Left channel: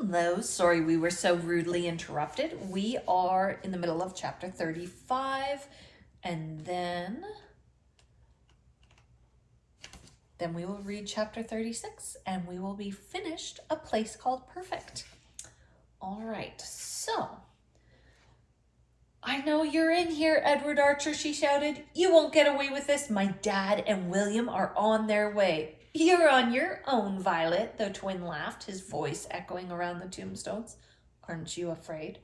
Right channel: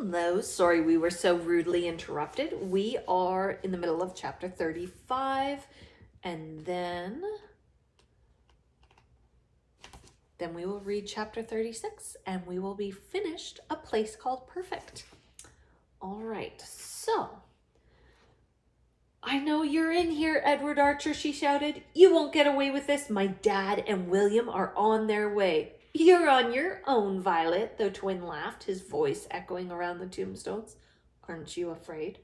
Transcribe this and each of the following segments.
Hello, sorry we were so rudely interrupted. We are in the middle of chapter 35, and then we will read chapter 36, and we will be finished A Place Called Perfect. All right, so I know you're in here, Edward Archer, she shouted. You won't get away with this. My dad and William are on their way. You're on your own, Violet, the twin laughed, his voice echoing around the tombstones. Aren't you afraid?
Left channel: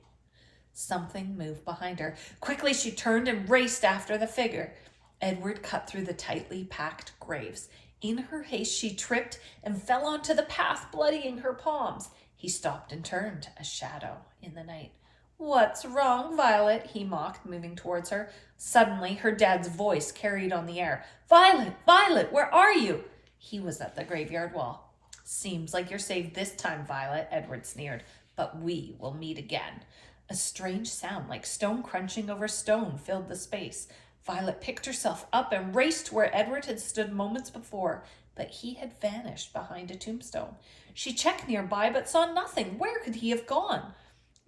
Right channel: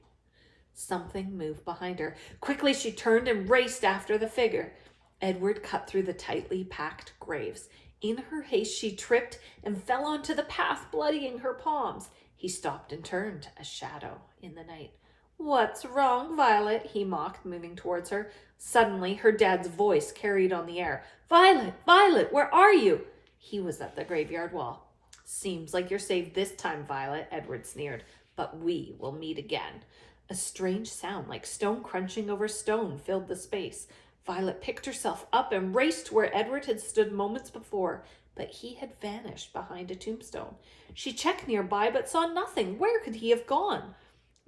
Something moved behind her. Quickly she turned and raced after the figure. Edward cut through the tightly packed graves. In her haste she tripped and fell onto the path, bloodying her palms. He stopped and turned, a shadow in the night. What's wrong, Violet? He mocked, moving towards her. Suddenly her dad's voice carried on the air. Violet, Violet, where are you? He was at the graveyard wall. Seems like you're saved this time, Violet, Edward sneered, but we will meet again. A strange sound like stone crunching over stone filled the space. Violet picked herself up and raced to where Edward had stood moments before, but he had vanished behind a tombstone. She checked nearby but saw nothing. Where could he have gone?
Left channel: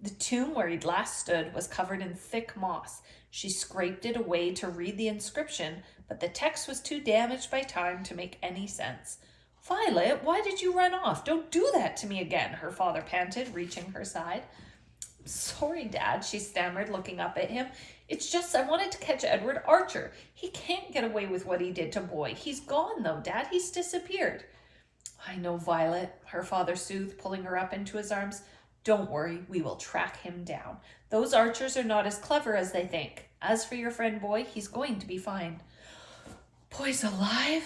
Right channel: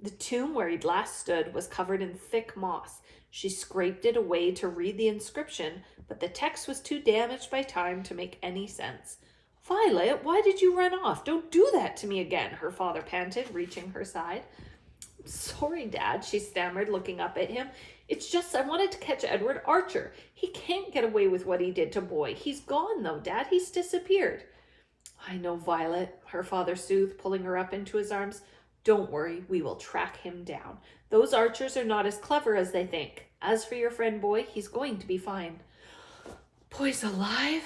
The tomb where he'd last stood was covered in thick moss. She scraped it away to read the inscription, but the text was too damaged by time to make any sense. Violet, why did you run off? Don't do that to me again, her father panted, reaching her side. Sorry, Dad, she stammered, looking up at him. It's just I wanted to catch Edward Archer. He can't get away with what he did to Boy. He's gone, though, Dad. He's disappeared. I know, Violet, her father soothed, pulling her up into his arms. Don't worry, we will track him down. Those archers are not as clever as they think. As for your friend Boy, he's going to be fine. Boy's alive?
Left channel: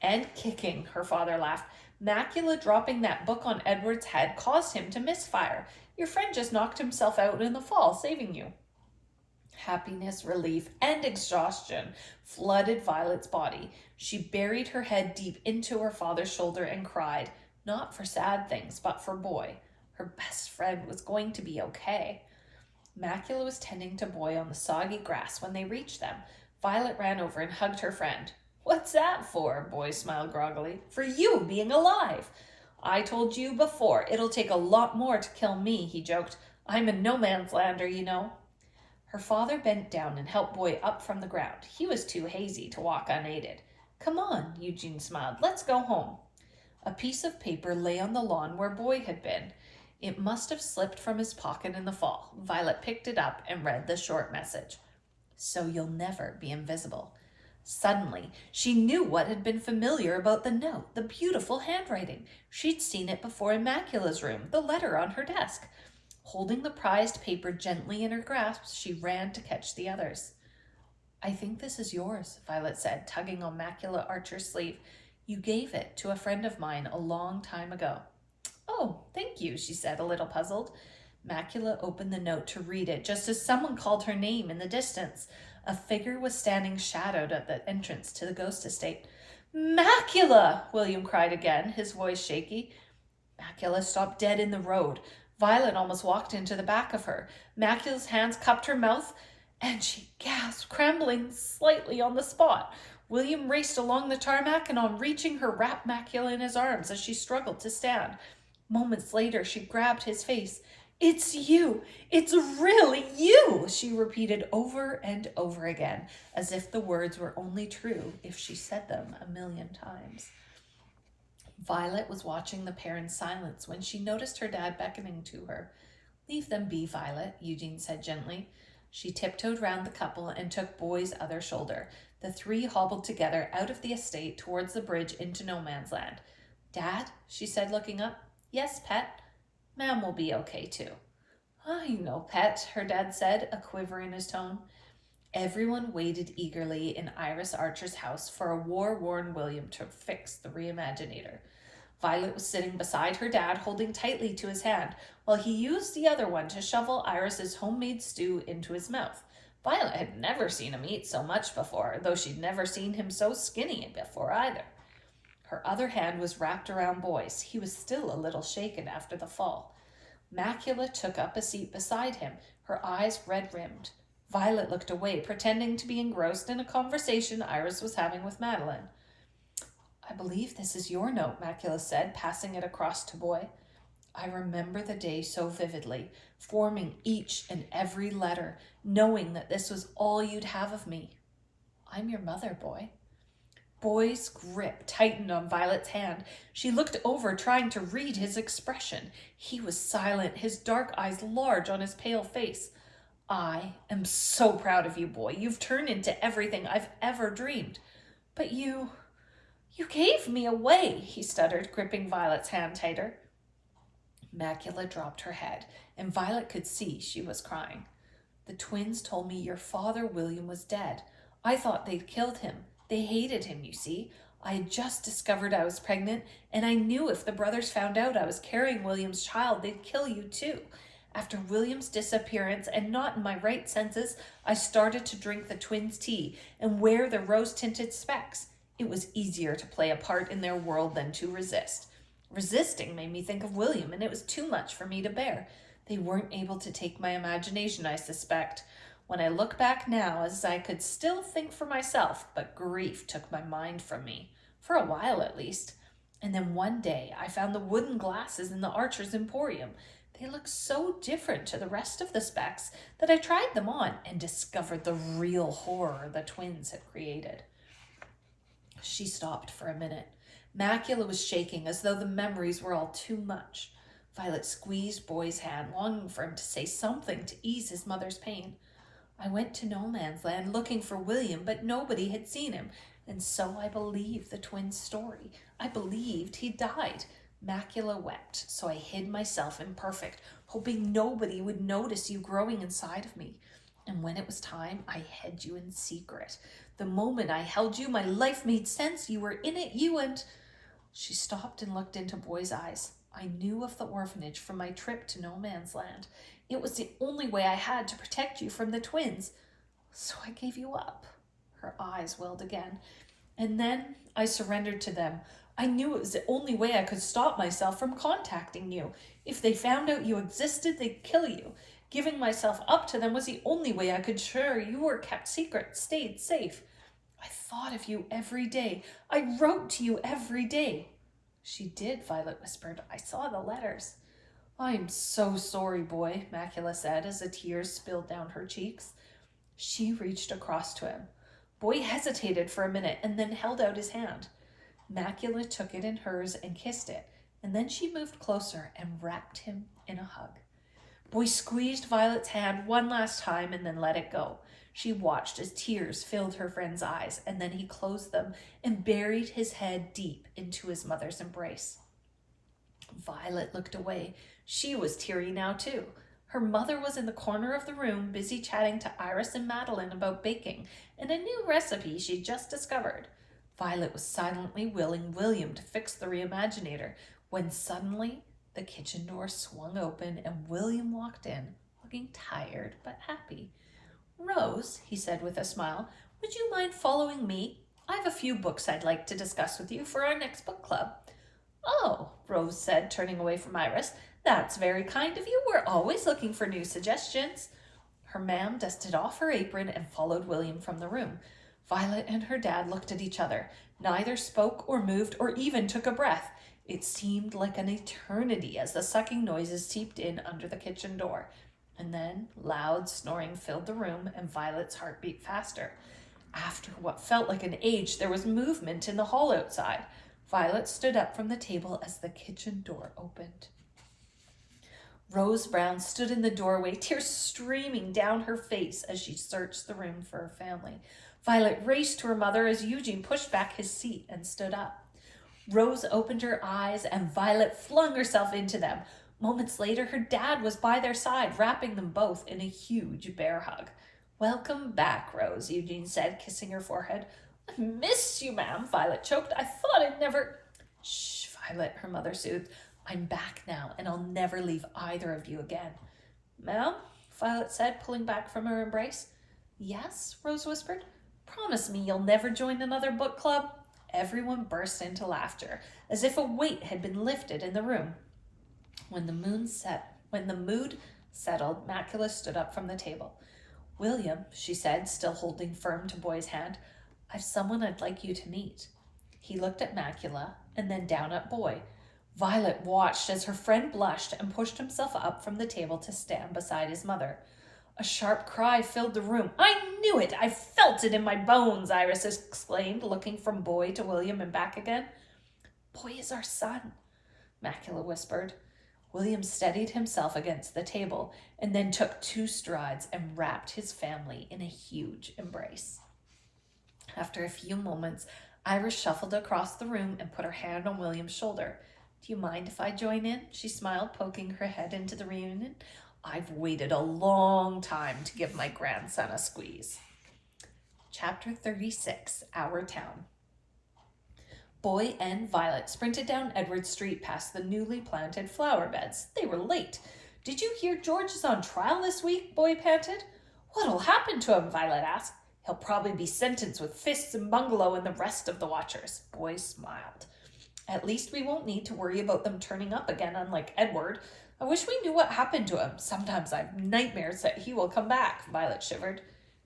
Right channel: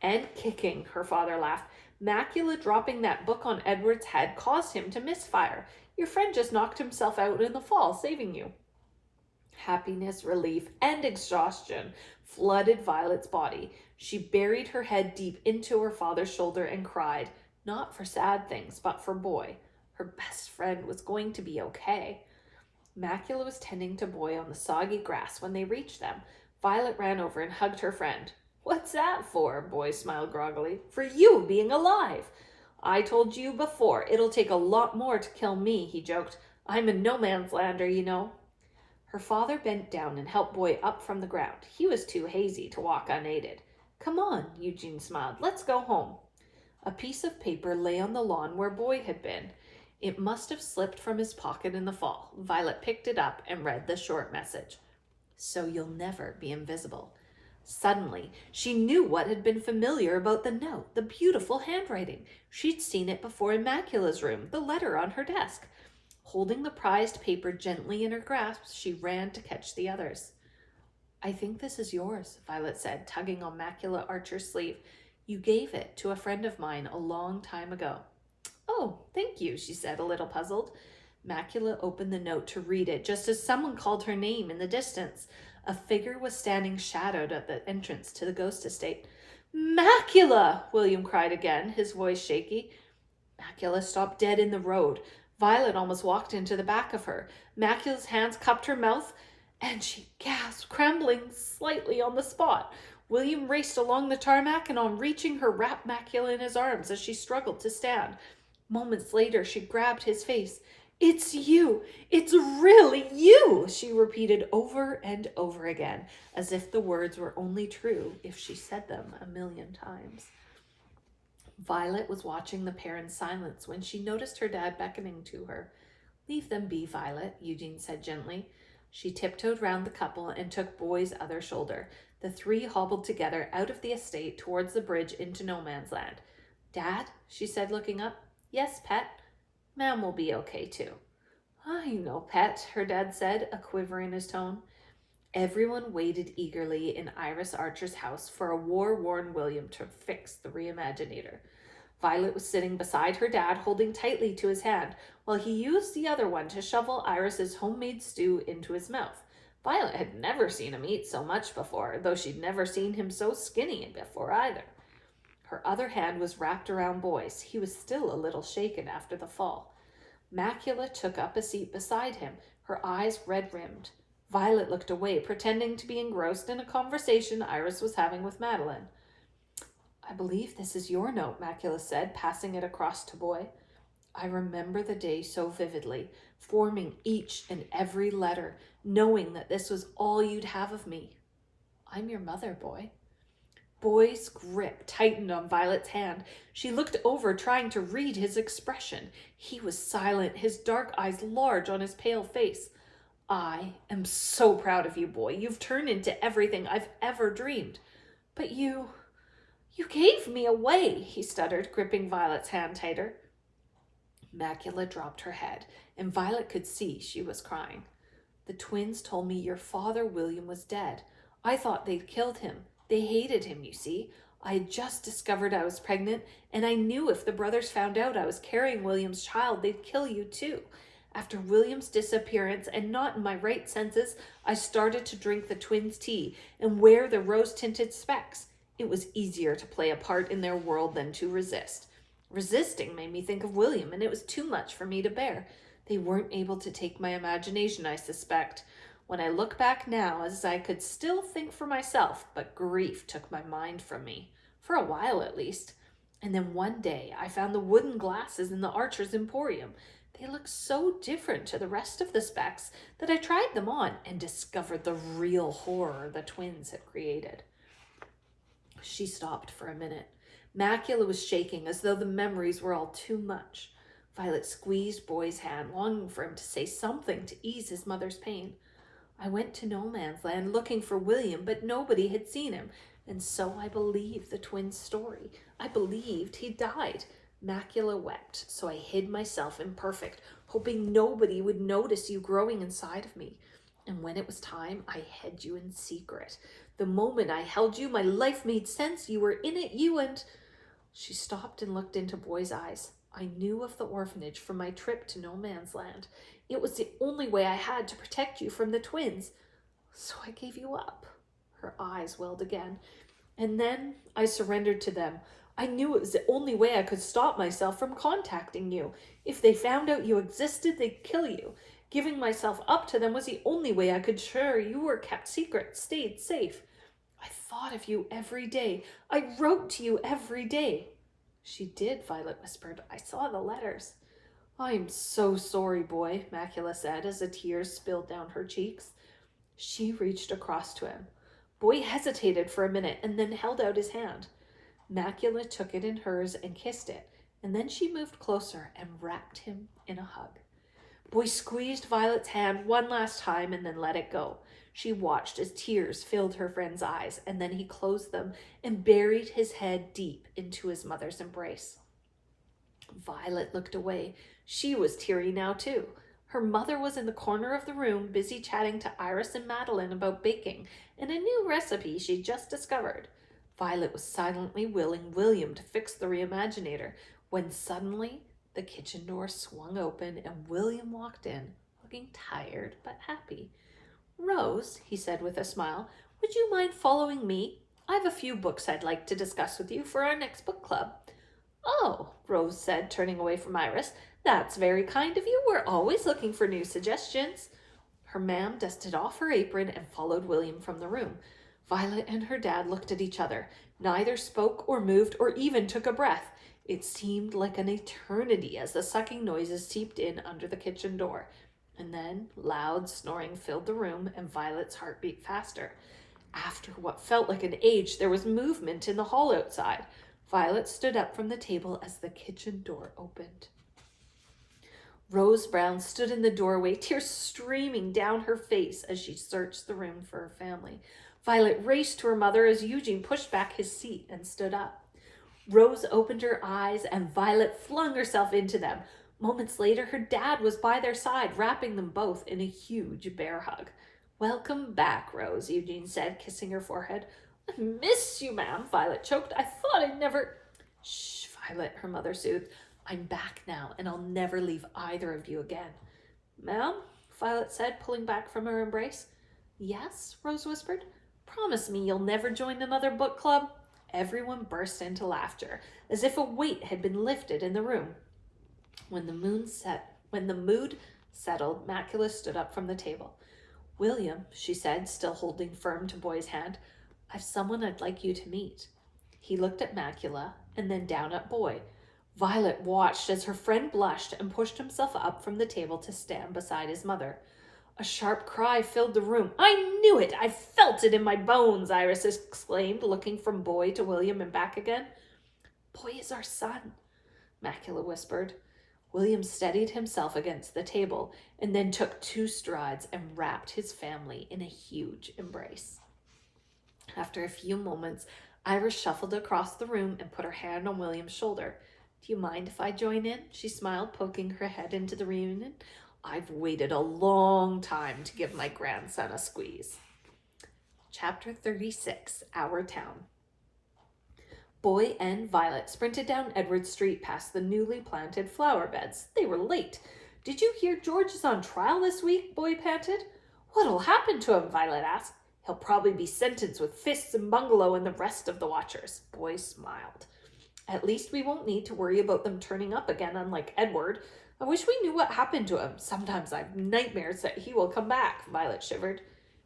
And kicking, her father laughed. Macula dropping that book on Edward's head caused him to misfire. Your friend just knocked himself out in the fall, saving you. Happiness, relief, and exhaustion flooded Violet's body. She buried her head deep into her father's shoulder and cried, not for sad things, but for Boy. Her best friend was going to be okay. Macula was tending to Boy on the soggy grass when they reached them. Violet ran over and hugged her friend. What's that for? Boy smiled groggily. For you being alive. I told you before, it'll take a lot more to kill me, he joked. I'm a no-man's lander, you know. Her father bent down and helped Boy up from the ground. He was too hazy to walk unaided. Come on, Eugene smiled. Let's go home. A piece of paper lay on the lawn where Boy had been. It must have slipped from his pocket in the fall. Violet picked it up and read the short message. So you'll never be invisible. Suddenly, she knew what had been familiar about the note, the beautiful handwriting. She'd seen it before in Macula's room, the letter on her desk. Holding the prized paper gently in her grasp, she ran to catch the others. I think this is yours, Violet said, tugging on Macula Archer's sleeve. You gave it to a friend of mine a long time ago. Oh, thank you, she said, a little puzzled. Macula opened the note to read it just as someone called her name in the distance. A figure was standing shadowed at the entrance to the ghost estate. Macula! William cried again, his voice shaky. Macula stopped dead in the road. Violet almost walked into the back of her. Macula's hands cupped her mouth, and she gasped, trembling slightly on the spot. William raced along the tarmac, and on reaching her, wrapped Macula in his arms as she struggled to stand. Moments later, she grabbed his face. It's you! It's really you! She repeated over and over again, as if the words were only true if she said them 1,000,000 times. Violet was watching the pair in silence when she noticed her dad beckoning to her. Leave them be, Violet, Eugene said gently. She tiptoed round the couple and took Boy's other shoulder. The three hobbled together out of the estate towards the bridge into no man's land. Dad, she said, looking up. Yes, pet. Ma'am will be okay, too. I know, pet, her dad said, a quiver in his tone. Everyone waited eagerly in Iris Archer's house for a war-worn William to fix the Reimaginator. Violet was sitting beside her dad, holding tightly to his hand, while he used the other one to shovel Iris's homemade stew into his mouth. Violet had never seen him eat so much before, though she'd never seen him so skinny before either. Her other hand was wrapped around Boy's. He was still a little shaken after the fall. Macula took up a seat beside him, her eyes red-rimmed. Violet looked away, pretending to be engrossed in a conversation Iris was having with Madeline. I believe this is your note, Macula said, passing it across to Boy. I remember the day so vividly, forming each and every letter, knowing that this was all you'd have of me. I'm your mother, boy. Boy's grip tightened on Violet's hand. She looked over, trying to read his expression. He was silent, his dark eyes large on his pale face. I am so proud of you, boy. You've turned into everything I've ever dreamed. But you gave me away, he stuttered, gripping Violet's hand tighter. Macula dropped her head, and Violet could see she was crying. The twins told me your father, William, was dead. I thought they'd killed him. They hated him, you see. I had just discovered I was pregnant, and I knew if the brothers found out I was carrying William's child, they'd kill you too. After William's disappearance, and not in my right senses, I started to drink the twins' tea and wear the rose-tinted specs. It was easier to play a part in their world than to resist. Resisting made me think of William, and it was too much for me to bear. They weren't able to take my imagination, I suspect. When I look back now, as I could still think for myself, but grief took my mind from me. For a while, at least. And then one day, I found the wooden glasses in the Archer's Emporium. They looked so different to the rest of the specs that I tried them on and discovered the real horror the twins had created. She stopped for a minute. Macula was shaking as though the memories were all too much. Violet squeezed Boy's hand, longing for him to say something to ease his mother's pain. I went to No Man's Land looking for William, but nobody had seen him, and so I believed the twins' story. I believed he died. Macula wept, so I hid myself imperfect, hoping nobody would notice you growing inside of me. And when it was time, I hid you in secret. The moment I held you, my life made sense. You were in it, you and... She stopped and looked into Boy's eyes. I knew of the orphanage from my trip to No Man's Land. It was the only way I had to protect you from the twins. So I gave you up. Her eyes welled again. And then I surrendered to them. I knew it was the only way I could stop myself from contacting you. If they found out you existed, they'd kill you. Giving myself up to them was the only way I could ensure you were kept secret, stayed safe. I thought of you every day. I wrote to you every day. She did, Violet whispered. I saw the letters. I am so sorry, boy, Macula said as the tears spilled down her cheeks. She reached across to him. Boy hesitated for a minute and then held out his hand. Macula took it in hers and kissed it, and then she moved closer and wrapped him in a hug. Boy squeezed Violet's hand one last time and then let it go. She watched as tears filled her friend's eyes, and then he closed them and buried his head deep into his mother's embrace. Violet looked away. She was teary now, too. Her mother was in the corner of the room, busy chatting to Iris and Madeline about baking and a new recipe she'd just discovered. Violet was silently willing William to fix the reimaginator when suddenly the kitchen door swung open and William walked in, looking tired but happy. Rose, he said with a smile, would you mind following me? I have a few books I'd like to discuss with you for our next book club. Oh, Rose said, turning away from Iris. That's very kind of you. We're always looking for new suggestions. Her ma'am dusted off her apron and followed William from the room. Violet and her dad looked at each other. Neither spoke or moved or even took a breath. It seemed like an eternity as the sucking noises seeped in under the kitchen door. And then loud snoring filled the room and Violet's heart beat faster. After what felt like an age, there was movement in the hall outside. Violet stood up from the table as the kitchen door opened. Rose Brown stood in the doorway, tears streaming down her face as she searched the room for her family. Violet raced to her mother as Eugene pushed back his seat and stood up. Rose opened her eyes and Violet flung herself into them. Moments later, her dad was by their side, wrapping them both in a huge bear hug. Welcome back, Rose, Eugene said, kissing her forehead. I miss you, ma'am, Violet choked. I thought I'd never... Shh, Violet, her mother soothed. I'm back now, and I'll never leave either of you again. Ma'am, Violet said, pulling back from her embrace. Yes, Rose whispered. Promise me you'll never join another book club. Everyone burst into laughter, as if a weight had been lifted in the room. When the mood settled, Macula stood up from the table. William, she said, still holding firm to Boy's hand, I've someone I'd like you to meet. He looked at Macula and then down at Boy. Violet watched as her friend blushed and pushed himself up from the table to stand beside his mother. A sharp cry filled the room. "I knew it! I felt it in my bones!" Iris exclaimed, looking from Boy to William and back again. "Boy is our son," Macula whispered. William steadied himself against the table and then took 2 strides and wrapped his family in a huge embrace. After a few moments, Iris shuffled across the room and put her hand on William's shoulder. "Do you mind if I join in?" she smiled, poking her head into the reunion. "I've waited a long time to give my grandson a squeeze." Chapter 36, Our Town. Boy and Violet sprinted down Edward Street past the newly planted flower beds. They were late. "Did you hear George is on trial this week?" Boy panted. "What'll happen to him?" Violet asked. "He'll probably be sentenced with Fists and Bungalow and the rest of the watchers." Boy smiled. "At least we won't need to worry about them turning up again, unlike Edward. I wish we knew what happened to him. Sometimes I have nightmares that he will come back." Violet shivered.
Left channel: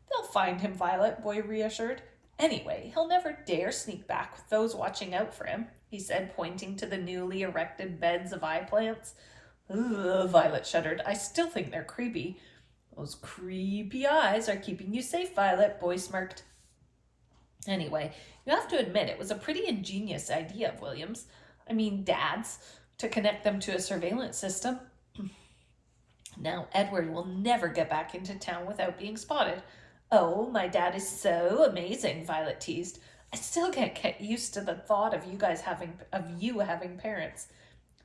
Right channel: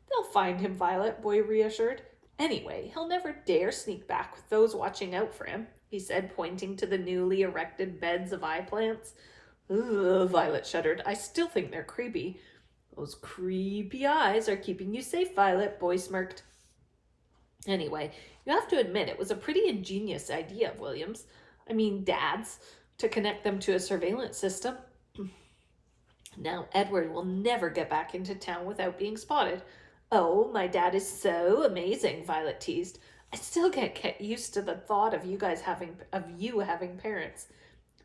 "They'll find him, Violet," Boy reassured. "Anyway, he'll never dare sneak back with those watching out for him," he said, pointing to the newly erected beds of eye plants. "Ugh," Violet shuddered. "I still think they're creepy." "Those creepy eyes are keeping you safe, Violet," Boy smirked. "Anyway, you have to admit it was a pretty ingenious idea of William's. I mean, Dad's, to connect them to a surveillance system. Now Edward will never get back into town without being spotted." "Oh, my dad is so amazing," Violet teased. "I still can't get used to the thought of you having parents."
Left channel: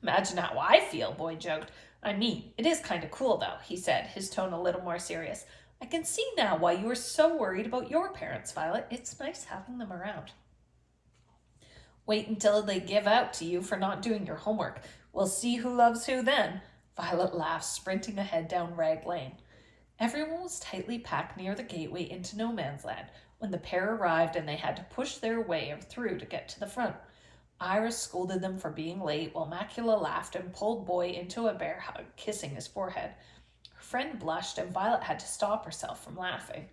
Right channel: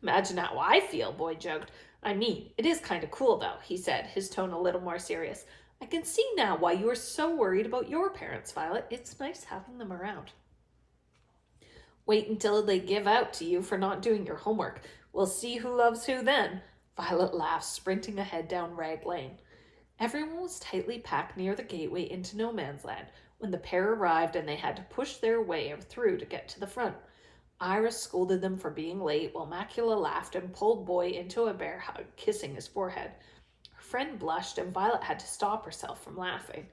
"Imagine how I feel," Boy joked. "I mean, it is kind of cool though," he said, his tone a little more serious. "I can see now why you were so worried about your parents, Violet. It's nice having them around." "Wait until they give out to you for not doing your homework. We'll see who loves who then." Violet laughed, sprinting ahead down Rag Lane. Everyone was tightly packed near the gateway into No Man's Land when the pair arrived and they had to push their way through to get to the front. Iris scolded them for being late while Macula laughed and pulled Boy into a bear hug, kissing his forehead. Her friend blushed and Violet had to stop herself from laughing.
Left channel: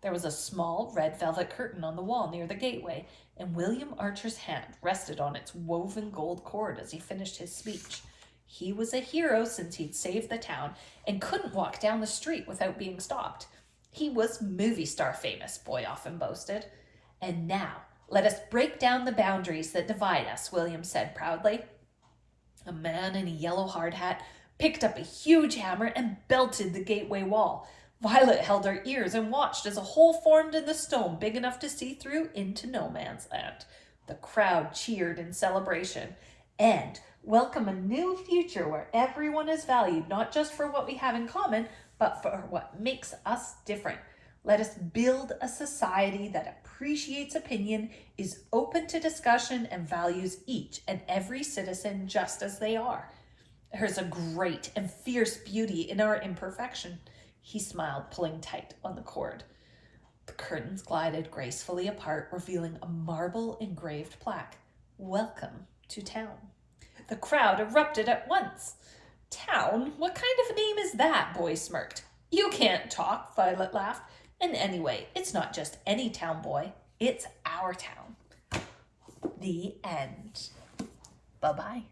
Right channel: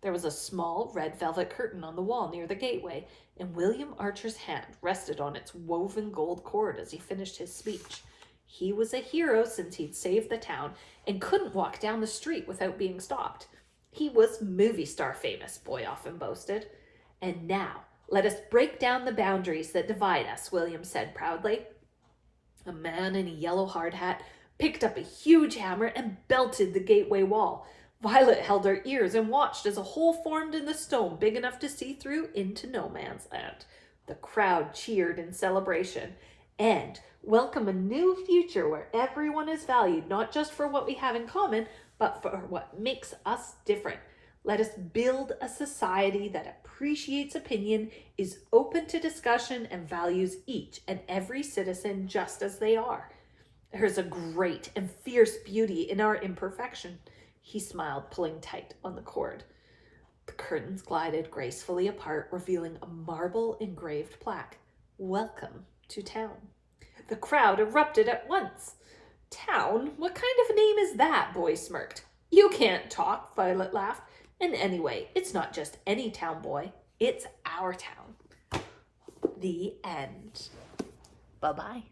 There was a small red velvet curtain on the wall near the gateway, and William Archer's hand rested on its woven gold cord as he finished his speech. He was a hero since he'd saved the town and couldn't walk down the street without being stopped. He was movie star famous, Boy often boasted. "And now, let us break down the boundaries that divide us," William said proudly. A man in a yellow hard hat picked up a huge hammer and belted the gateway wall. Violet held her ears and watched as a hole formed in the stone big enough to see through into No Man's Land. The crowd cheered in celebration. And welcome a new future where everyone is valued not just for what we have in common, but for what makes us different. Let us build a society that appreciates opinion, is open to discussion, and values each and every citizen just as they are. There's a great and fierce beauty in our imperfection. He smiled, pulling tight on the cord. The curtains glided gracefully apart, revealing a marble-engraved plaque. "Welcome to town." The crowd erupted at once. "Town? What kind of a name is that?" Boy smirked. "You can't talk," Violet laughed. "And anyway, it's not just any town, Boy. It's our town." The end. Bye-bye.